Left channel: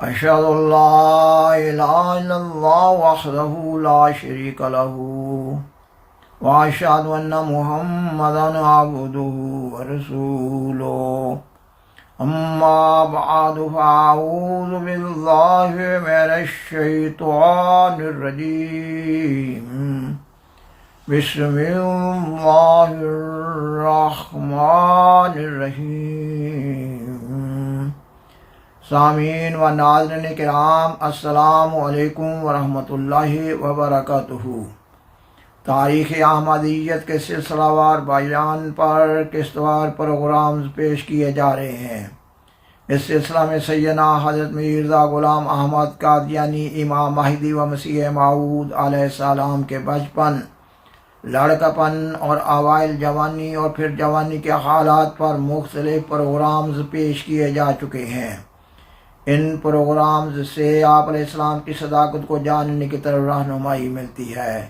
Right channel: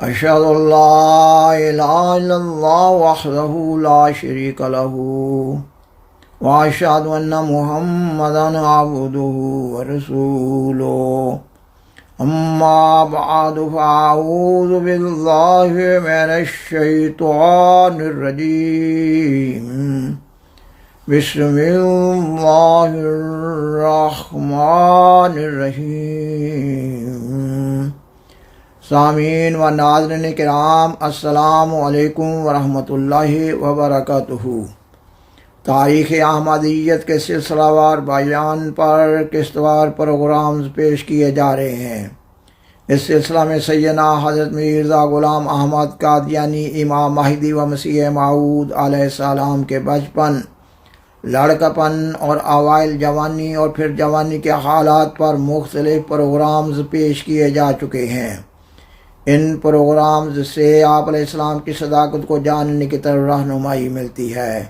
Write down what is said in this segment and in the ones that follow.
أشهد أن لا إله إلا الله وحده لا شريك له وأشهد أن محمدا عبده ورسوله أما بعد فأعوذ بالله من الشيطان الرجيم بسم الله الرحمن الرحیم۔ سامعین و ناظرین کرام، السلام علیکم ورحمۃ اللہ وبرکاتہ۔ تاریخ احمدیت کے سلسلہ وار بیان پر قسط وار پروگرامز پیش کیے جا رہے ہیں۔ اس سلسلہ میں سیدنا حضرت مرزا غلام احمد قادیانی، امام مہدی و مسیح موعود علیہ السلام کے بچپن، لڑکپن اور اوائل جوانی اور پھر جوانی کے حالات پر مختلف پروگرامز پیش کیے جا چکے ہیں۔ ان پروگرامز سے آپ علیہ السلام کی صداقت کو جاننے کی طرف رہنمائی ملتی ہے۔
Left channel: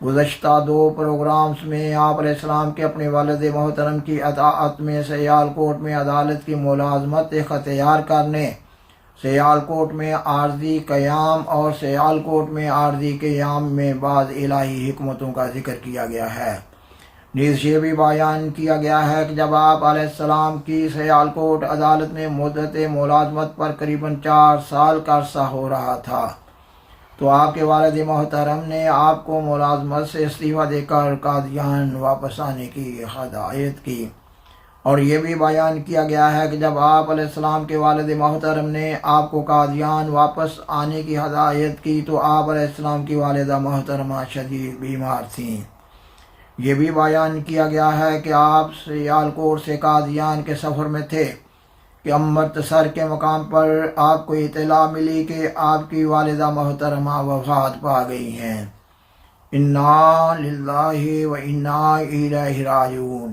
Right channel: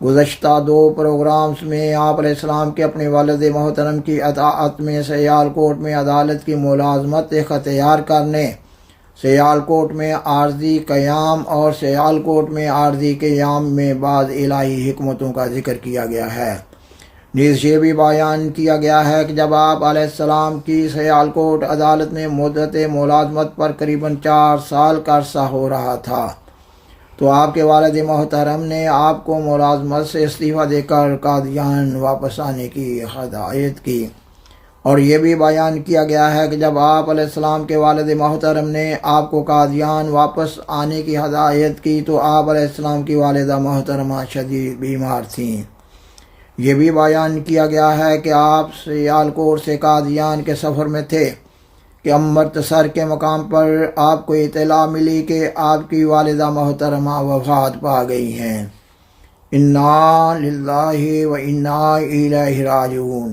گزشتہ دو پروگرامز میں آپ علیہ السلام کے اپنے والد محترم کی اطاعت میں سیالکوٹ میں عدالت کی ملازمت اختیار کرنے، سیالکوٹ میں عارضی قیام اور سیالکوٹ میں عارضی قیام میں بعض الہی حکمتوں کا ذکر کیا گیا ہے۔ نیز یہ بھی بیان کیا گیا ہے کہ جب آپ علیہ السلام کی سیالکوٹ عدالت میں مدت ملازمت پر قریباً 4 سال کا عرصہ ہو رہا تھا تو آپ کے والد محترم نے آپ کو ملازمت سے استعفیٰ دے کر قادیان واپس آنے کی ہدایت کی۔ اور یہ بھی بیان کیا گیا ہے کہ جب آپ علیہ السلام کے والد محترم نے آپ کو قادیان واپس آنے کی ہدایت کی تو آپ علیہ السلام کی والدہ محترمہ شدید بیمار تھیں۔ یہ بھی بیان کیا گیا ہے کہ آپ سیالکوٹ سے قادیان کے سفر میں تھے کہ امرتسر کے مقام پر آپ کو اطلاع ملی کہ آپ کی والدہ محترمہ وفات پا گئی ہیں۔ انا للہ و انا الیہ راجعون۔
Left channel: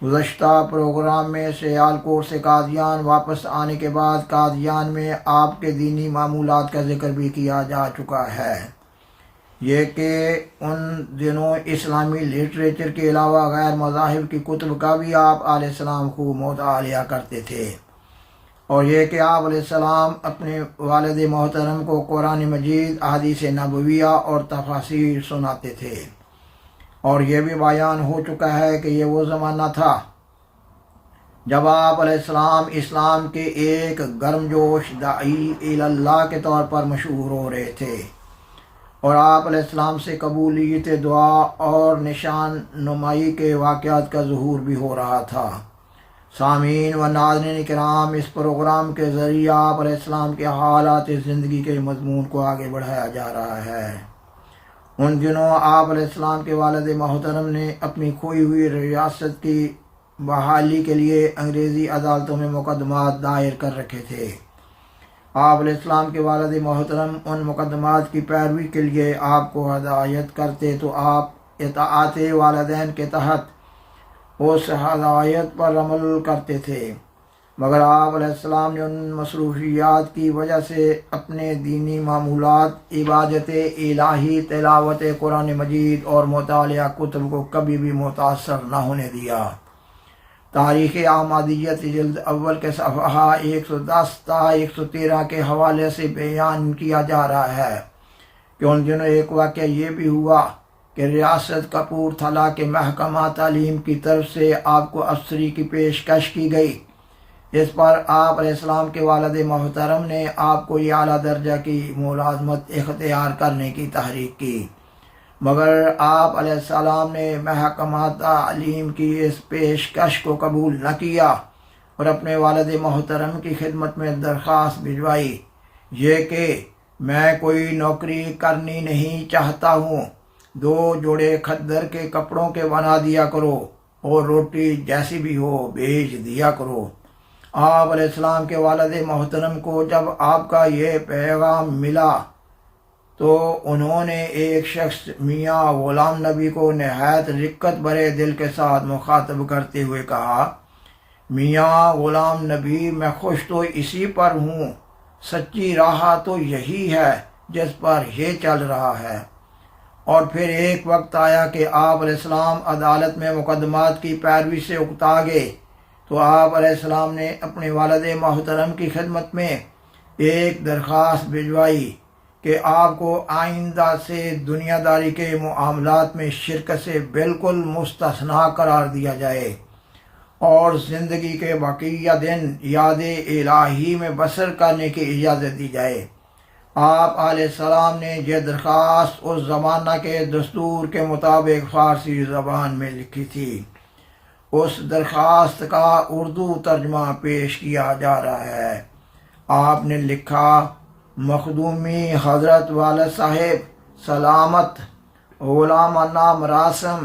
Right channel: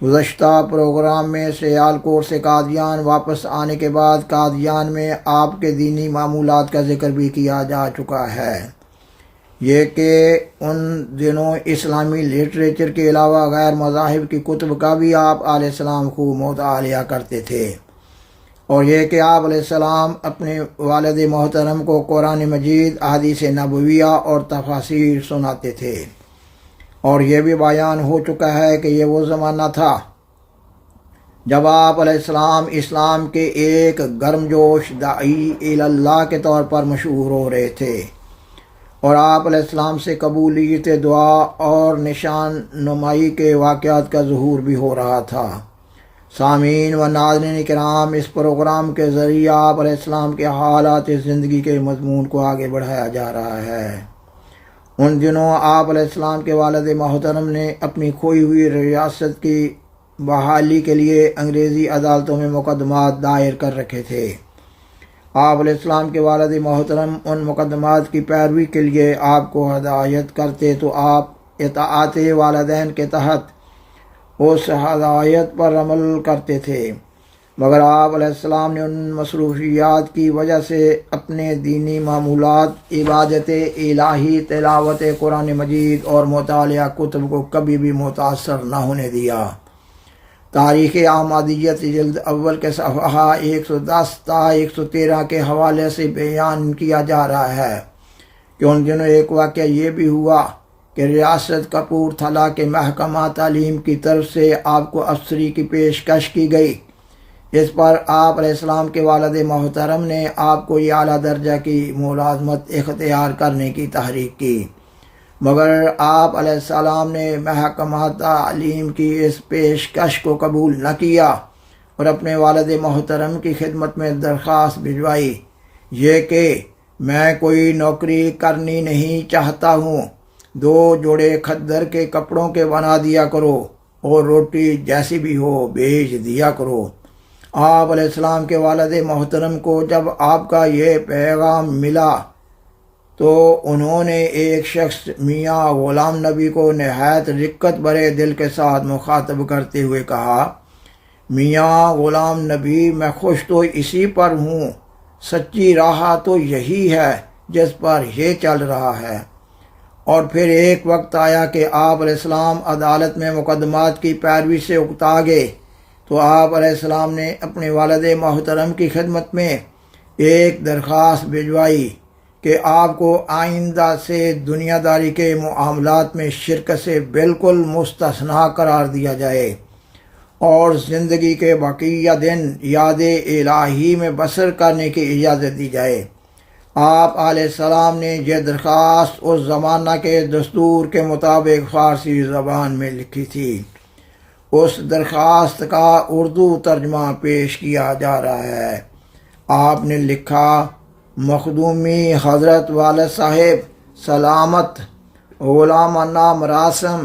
گزشتہ پروگرام میں سیالکوٹ سے قادیان واپس آنے کے بعد قادیان میں آپ کے دینی معمولات کا ذکر بھی کیا جا چکا ہے۔ یہ کہ ان دنوں اسلامی لٹریچر کے علاوہ غیر مذاہب کی کتب کا بھی آپ علیہ السلام خوب مطالعہ کرتے تھے، اور یہ کہ آپ علیہ السلام اپنے والد محترم کو قرآن مجید، احادیث نبویہ اور تفاسیر سناتے تھے۔ اور یہ بھی بیان ہو چکا ہے کہ یہ وہ زمانہ تھا جب آپ علیہ السلام اسلام کے ایک گرم جوش داعی اللہ کے طور پر مشہور ہو رہے تھے، اور آپ علیہ السلام سے قبولیت دعا اور نشان نمائی کے واقعات کا ظہور بھی ہو رہا تھا۔ سامعین و ناظرین کرام، اس پروگرام کے ذریعہ آپ علیہ السلام کے حالات زندگی کے مضمون کو آگے بڑھایا جا رہا ہے۔ ان دنوں آپ علیہ السلام کے والد محترم نے اپنی کھوئی ہوئی ریاست کی بحالی کے لیے انگریزی عدالتوں میں مقدمات دائر کر رکھے تھے۔ آپ علیہ السلام کے والد محترم ان مقدمات کی پیروی کے لیے آپ کو ہدایت کرتے تو آپ اطاعت والدین کے تحت اس ہدایت پر عمل کرتے تھے، مگر آپ علیہ السلام نے ان مصروفیات کی وجہ سے اپنے دینی معمولات، عبادت الہی، تلاوت قرآن مجید اور مطالعہ کتب کو کبھی بھی متاثر نہ ہونے دیا۔ تاریخ احمدیت جلد اول کے صفحہ 110 تا 113 کے حوالے سے بیان کیا جا رہا ہے کہ ان دنوں ایک واقعہ یہ بھی ہوا کہ ریاست کپورتھلا کے محکمہ تعلیم کی طرف سے آپ کو افسری کی پیشکش کی گئی۔ اس پر آپ علیہ السلام کے والد محترم نے آپ کو یہ اعلیٰ درجہ کی ملازمت اختیار کرنے کی تحریک کی، مگر آپ علیہ السلام نے محکمہ تعلیم کی اس پیشکش کو قبول نہ کیا اور اپنے والد محترم کی خدمت میں درخواست بھجوائی، یہ کہ میں کوئی نوکری کرنی نہیں چاہتا ہوں، 2 جوڑے کھدر کے کپڑوں کے بنا دیا کرو اور روٹی جیسی بھی ہو بھیج دیا کرو۔ آپ علیہ السلام کے والد محترم کو جب آپ کا یہ پیغام ملا تو انہوں نے ایک شخص میاں غلام نبی کو نہایت رقت بھرے دل کے ساتھ مخاطب کرتے ہوئے کہا، میاں غلام نبی، میں خوش تو اسی پر ہوں، سچی راہ تو یہی ہے جس پر یہ چل رہا ہے۔ اور پھر ایک وقت آیا کہ آپ علیہ السلام عدالت میں مقدمات کی پیروی سے اکتا گئے تو آپ علیہ السلام نے اپنے والد محترم کی خدمت میں ایک درخواست بھجوائی کہ آپ کو آئندہ سے دنیا داری کے معاملات میں شرکت سے بالکل مستثنا قرار دیا جائے اور زندگی کے بقیہ دن یاد الہی میں بسر کرنے کی اجازت دی جائے۔ آپ علیہ السلام نے یہ درخواست اس زمانہ کے دستور کے مطابق فارسی زبان میں لکھی تھی۔ اس درخواست کا اردو ترجمہ پیش کیا جا رہا ہے۔ آپ نے لکھا، مخدومی حضرت والد صاحب سلامت غلامانہ مراسم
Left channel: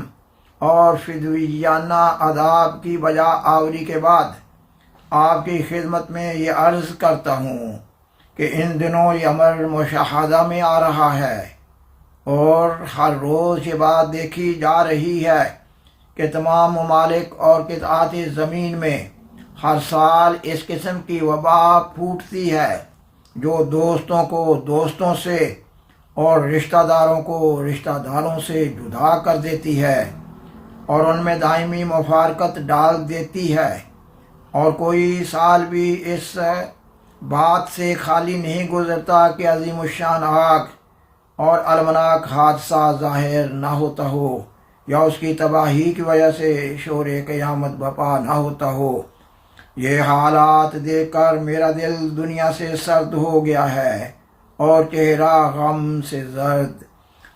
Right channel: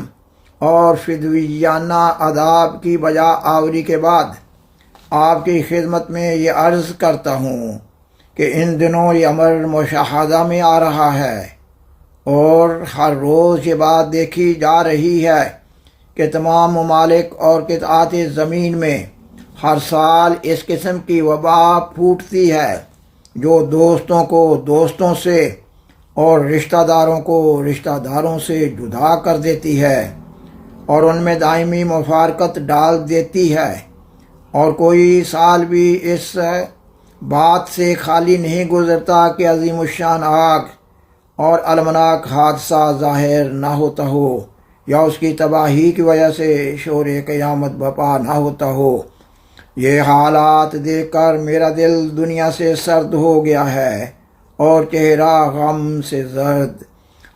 اور فدویانہ آداب کی بجا آوری کے بعد آپ کی خدمت میں یہ عرض کرتا ہوں کہ ان دنوں یہ امر مشاہدہ میں آ رہا ہے اور ہر روز یہ بات دیکھی جا رہی ہے کہ تمام ممالک اور قطعات زمین میں ہر سال اس قسم کی وبا پھوٹتی ہے جو دوستوں کو دوستوں سے اور رشتہ داروں کو رشتہ داروں سے جدا کر دیتی ہے اور ان میں دائمی مفارقت ڈال دیتی ہے، اور کوئی سال بھی اس بات سے خالی نہیں گزرتا کہ عظیم الشان آگ اور المناک حادثہ ظاہر نہ ہوتا ہو یا اس کی تباہی کی وجہ سے شور قیامت بپا نہ ہوتا ہو۔ یہ حالات دیکھ کر میرا دل دنیا سے سرد ہو گیا ہے اور چہرہ غم سے زرد،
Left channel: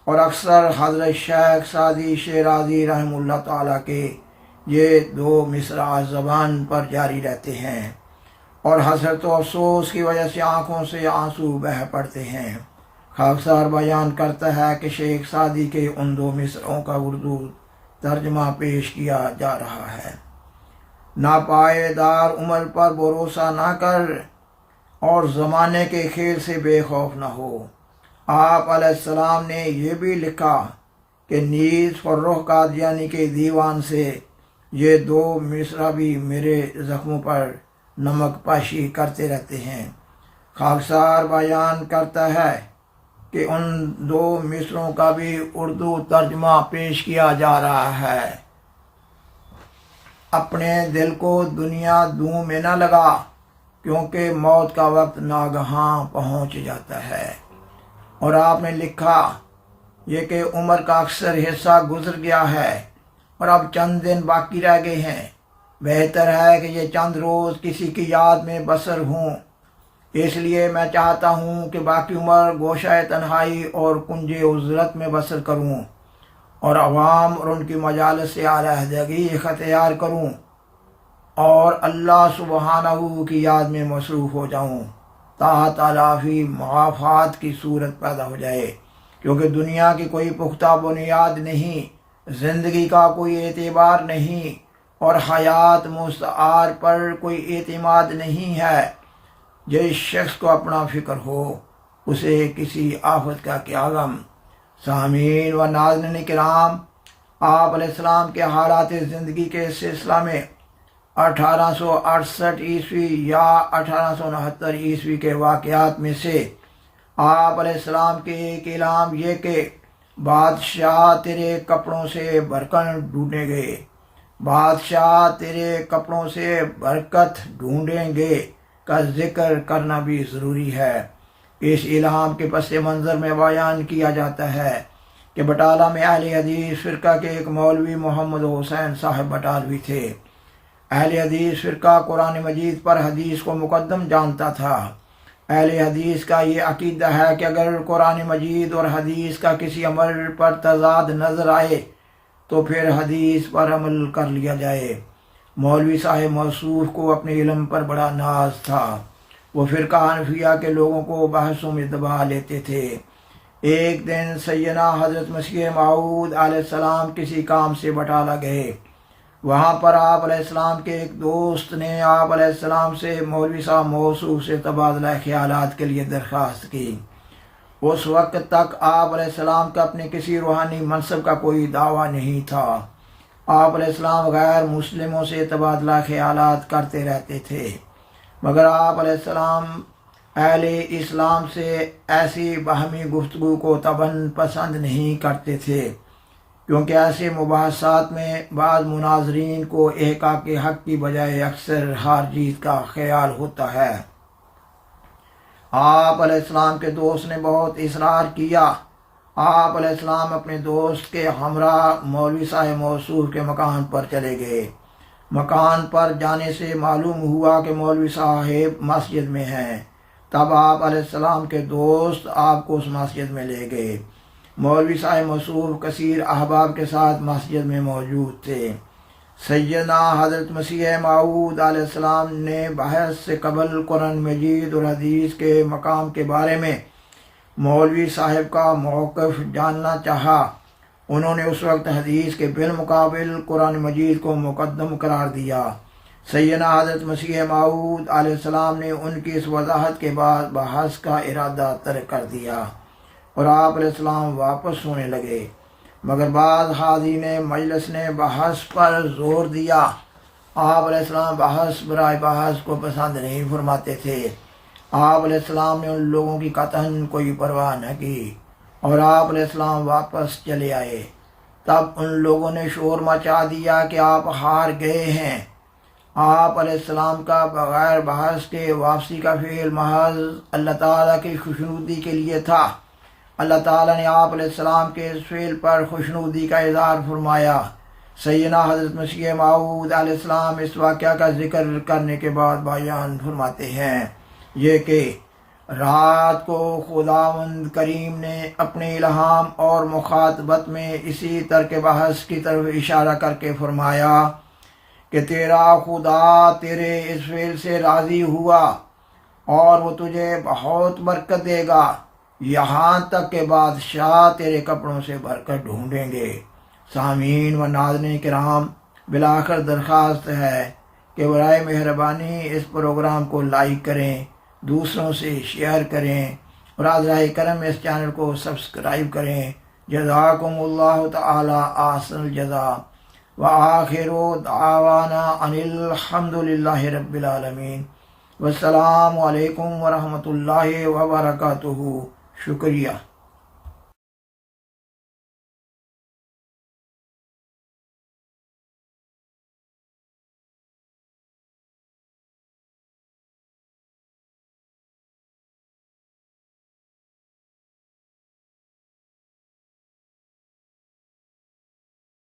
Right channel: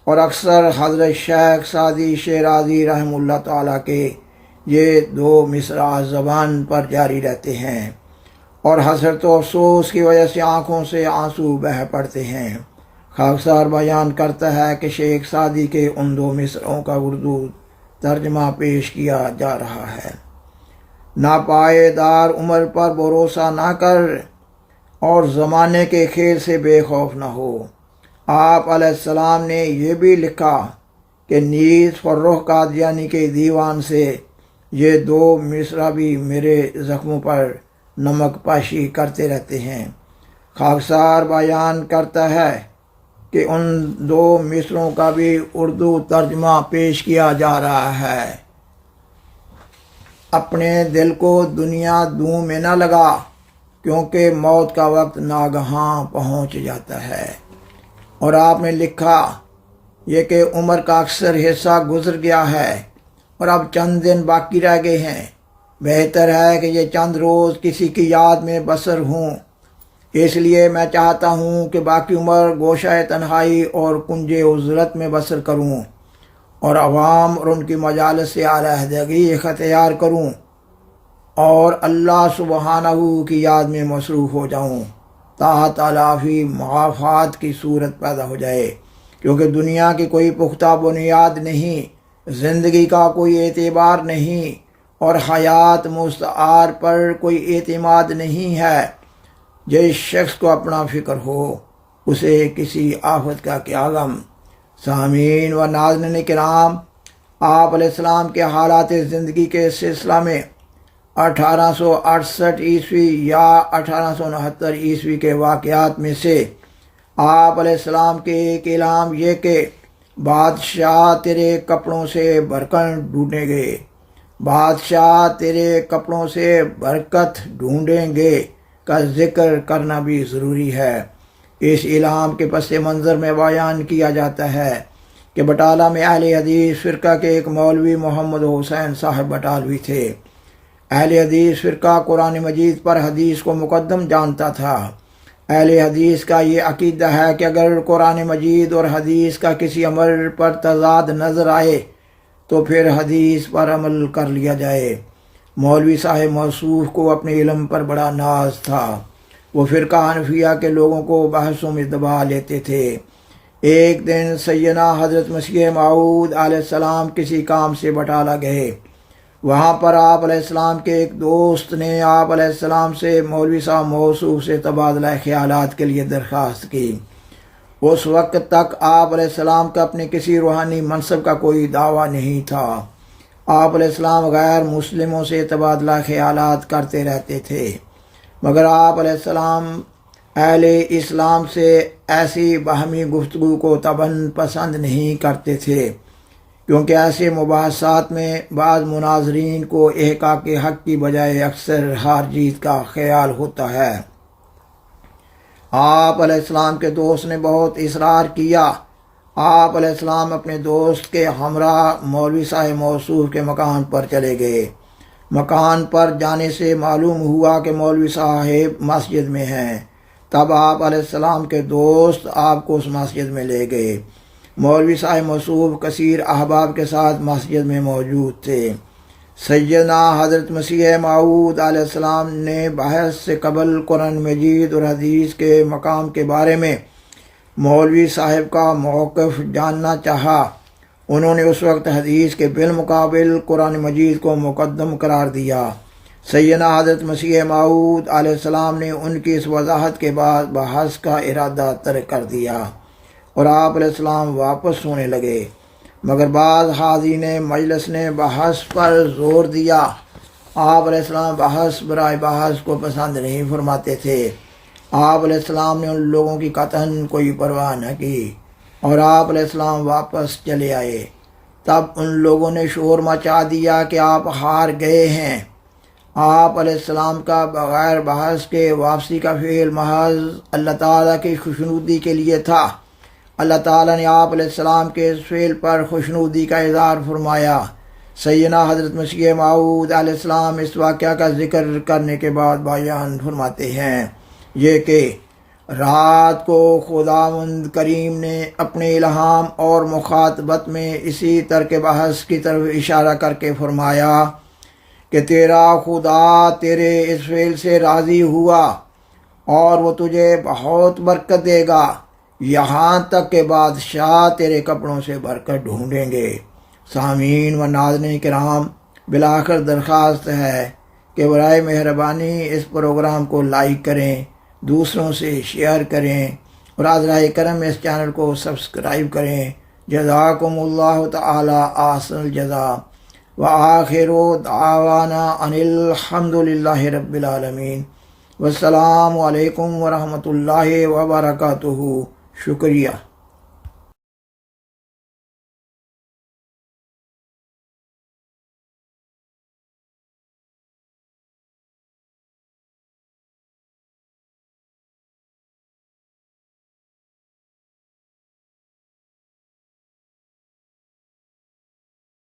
اور اکثر حضرت شیخ سعدی شیرازی رحمہ اللہ تعالیٰ کے یہ دو مصرع زبان پر جاری رہتے ہیں اور حسرت و افسوس کی وجہ سے آنکھوں سے آنسو بہہ پڑتے ہیں۔ خاکسار بیان کرتا ہے کہ شیخ سعدی کے ان دو مصرعوں کا اردو ترجمہ پیش کیا جا رہا ہے۔ ناپائیدار عمر پر بھروسہ نہ کر اور زمانے کے کھیل سے بے خوف نہ ہو۔ آپ علیہ السلام نے یہ بھی لکھا کہ نیز فرخ قادیانی کے دیوان سے یہ دو مصرع بھی میرے زخموں پر نمک پاشی کرتے رہتے ہیں۔ خاکسار بیان کرتا ہے کہ ان دو مصرعوں کا بھی اردو ترجمہ پیش کیا جا رہا ہے۔ اپنے دل کو دنیا دوں میں نہ لگا، کیونکہ موت کا وقت ناگہاں پہنچ جاتا ہے۔ اور آپ نے لکھا یہ کہ عمر کا اکثر حصہ گزر گیا ہے اور اب چند دن باقی رہ گئے ہیں۔ بہتر ہے کہ یہ چند روز کسی کی یاد میں بسر ہوں، اس لیے میں چاہتا ہوں کہ باقی عمر گوشہ تنہائی اور کنج عزلت میں بسر کروں اور عوام اور ان کی مجالس سے علیحدگی اختیار کروں اور اللہ سبحانہ کی یاد میں مصروف ہو جاؤں تا تلافی معافات کی صورت پیدا ہو جائے، کیونکہ دنیا کی کوئی پختہ بنیاد نہیں، زندگی کا کوئی اعتبار نہیں اور حیات مستعار پر کوئی اعتماد نہیں ہے۔ جس شخص کو اپنا فکر ہو اسے کسی آفت کا کیا غم۔ سامعین و ناظرین کرام، آپ علیہ السلام کے حالات زندگی کے سلسلہ میں 1868 عیسوی یا 1869 عیسوی کے واقعات میں سے آپ علیہ السلام کے ایک اعلان یہ کہ بادشاہ تیرے کپڑوں سے برکت ڈھونڈیں گے، بادشاہ تیرے کپڑوں سے برکت ڈھونڈیں گے کا ذکر کرنا بھی ضروری ہے۔ اس اعلان کے پس منظر میں بیان کیا جاتا ہے کہ بٹالہ میں اہل حدیث فرقہ کے ایک مولوی محمد حسین صاحب بٹالوی تھے۔ اہل حدیث فرقہ قرآن مجید پر حدیث کو مقدم جانتا تھا۔ اہل حدیث کا یہ عقیدہ ہے کہ اگر قرآن مجید اور حدیث کا کسی عمل پر تضاد نظر آئے تو پھر حدیث پر عمل کر لیا جائے۔ مولوی صاحب موصوف کو اپنے علم پر بڑا ناز تھا۔ وہ فرقہ حنفیہ کے لوگوں کو بحثوں میں دبا لیتے تھے۔ ایک دن سیدنا حضرت مسیح موعود علیہ السلام کسی کام سے بٹالہ گئے۔ وہاں پر آپ علیہ السلام کے ایک دوست نے آپ علیہ السلام سے مولوی صاحب موصوف سے تبادلہ خیالات کے لیے درخواست کی۔ اس وقت تک آپ علیہ السلام کا اپنے کسی روحانی منصب کا کوئی دعویٰ نہیں تھا۔ آپ علیہ السلام غیر مسلموں سے تبادلہ خیالات کرتے رہتے تھے، مگر آپ علیہ السلام اہل اسلام سے ایسی باہمی گفتگو کو طبعاً پسند نہیں کرتے تھے، کیونکہ ایسے مباحثات میں بعض مناظرین کو احقاق حق کی بجائے اکثر ہار جیت کا خیال ہوتا ہے۔ آپ علیہ السلام کے دوست نے بہت اصرار کیا۔ آپ علیہ السلام اپنے دوست کے ہمراہ مولوی صاحب موصوف کے مکان پر چلے گئے۔ مکان پر جانے سے معلوم ہوا کہ مولوی صاحب مسجد میں ہیں۔ تب آپ علیہ السلام کے دوست آپ کو اس مسجد میں لے گئے۔ مولوی صاحب موصوف کثیر احباب کے ساتھ مسجد میں موجود تھے۔ سیدنا حضرت مسیح موعود علیہ السلام نے بحث سے قبل قرآن مجید اور حدیث کے مقام کے بارے میں مولوی صاحب کا موقف جاننا چاہا۔ انہوں نے اس وقت حدیث کے بالمقابل قرآن مجید کو مقدم قرار دیا۔ سیدنا حضرت مسیح موعود علیہ السلام نے ان کی اس وضاحت کے بعد بحث کا ارادہ ترک کر دیا اور آپ علیہ السلام واپس ہونے لگے، مگر بعض حاضرین مجلس نے بحث پر زور دیا۔ آپ علیہ السلام بحث برائے بحث کو پسند نہیں فرماتے تھے۔ آپ علیہ السلام نے ان لوگوں کی قطعاً کوئی پرواہ نہ کی اور آپ علیہ السلام واپس چلے آئے۔ تب ان لوگوں نے شور مچا دیا کہ آپ ہار گئے ہیں۔ آپ علیہ السلام کا بغیر بحث کے واپسی کا فعل محض اللہ تعالیٰ کی خوشنودی کے لیے تھا۔ اللہ تعالیٰ نے آپ علیہ السلام کے اس فعل پر خوشنودی کا اظہار فرمایا۔ سیدنا حضرت مسیح موعود علیہ السلام اس واقعہ کا ذکر کرنے کے بعد بیان فرماتے ہیں یہ کہ رات کو خداوند کریم نے اپنے الہام اور مخاطبت میں اسی ترک بحث کی طرف اشارہ کر کے فرمایا کہ تیرا خدا تیرے اس فعل سے راضی ہوا اور وہ تجھے بہت برکت دے گا، یہاں تک کہ بادشاہ تیرے کپڑوں سے برکت ڈھونڈیں گے۔ سامعین و ناظرین کرام، بالآخر درخواست ہے کہ برائے مہربانی اس پروگرام کو لائک کریں، دوسروں سے شیئر کریں اور حضرہ کرم اس چینل کو سبسکرائب کریں۔ جزاکم اللہ تعالی احسن الجزا وآخر دعوانا ان الحمد للہ رب العالمین۔ والسلام علیکم ورحمۃ اللہ وبرکاتہ۔ شکریہ۔